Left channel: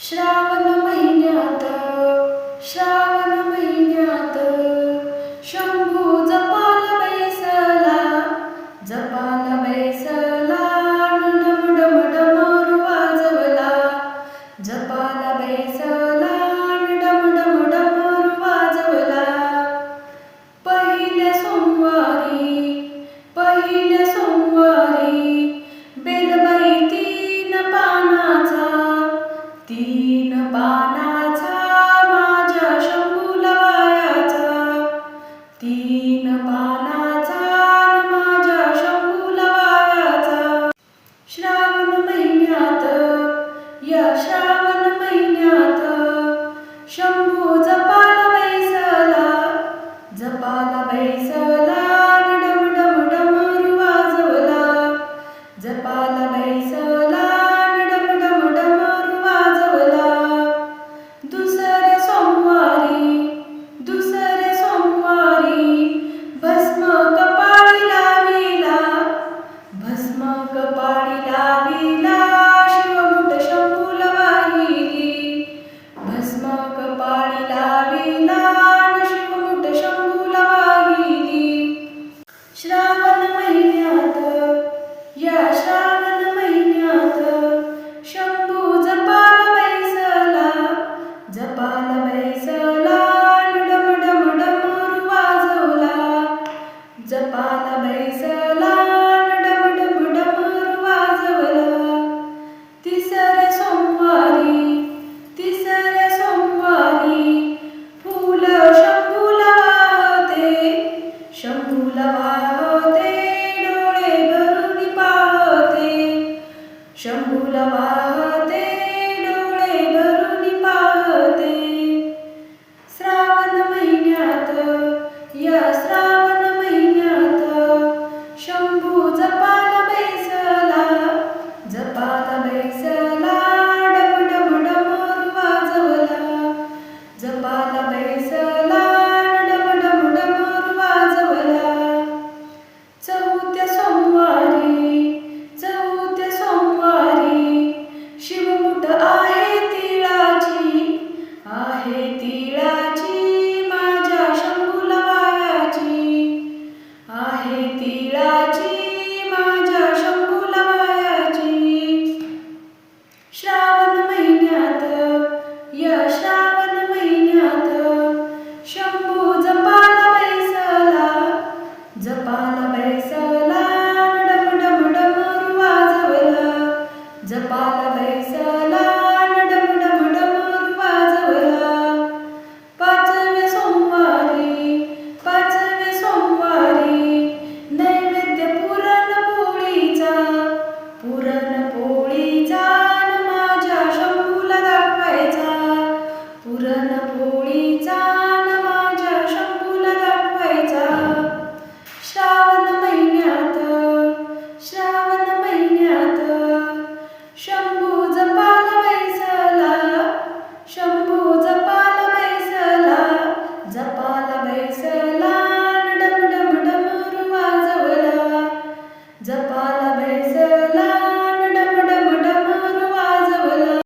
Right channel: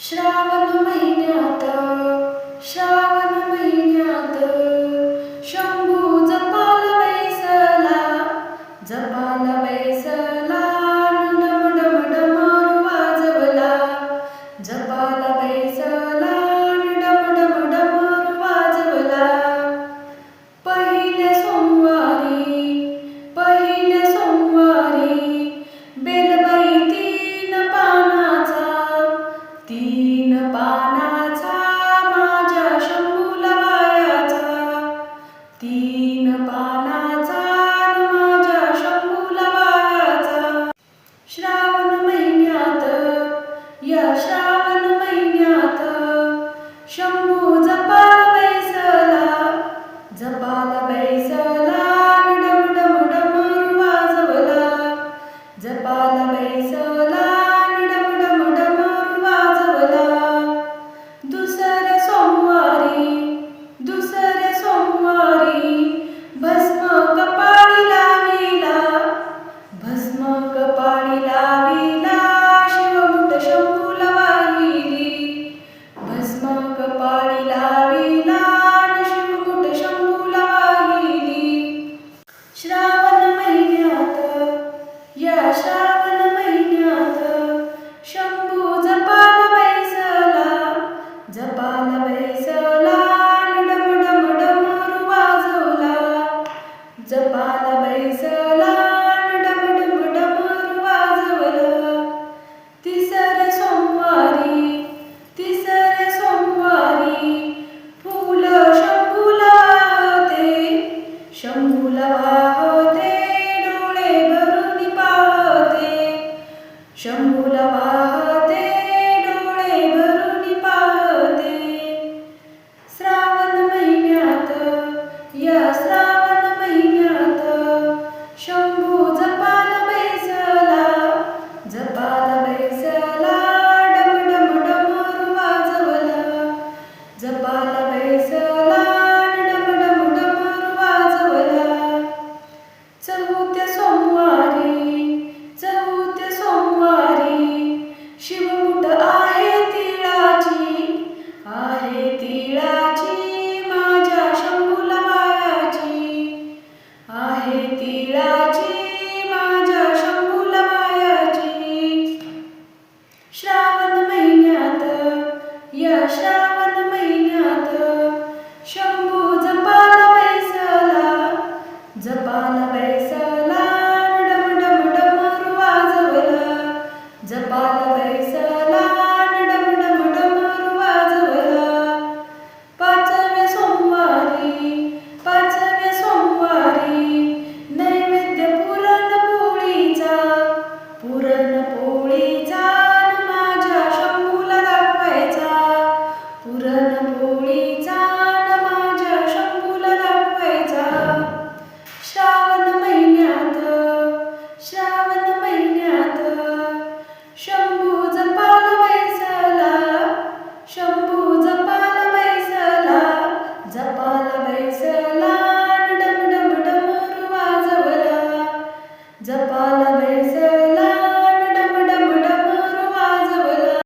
श्रावण महिन्यात श्रावण महिन्यात शंभू जपाला बैसला डम डम डमरू वाजवला जपाला बैसला डम डम डमरू वाजवला पहिल्या सोमवारी बेलबाई तीन पानाचा माझ्या शंभूला वायाचा तीन पानाचा माझ्या शंभूला वायाचा श्रावण महिन्यात शंभू जपाला बैसला डम डम डमरू वाजवला जपाला बैसला डम डम डमरू वाजवला दुसऱ्या सोमवारी भस्म कपाळी लाविला शिवमुठ शंभूला वाहिली भस्म कपाळी लाविला शिवमुठ शंभूला वाहिली श्रावण महिन्यात शंभू जपाला बैसला डम डम डमरू वाजवला जपाला बैसला डम डम डमरू वाजवला तिसऱ्या सोमवारी फूल शंभूला वाहते डोळे भरून पाहते शंभूला वाहते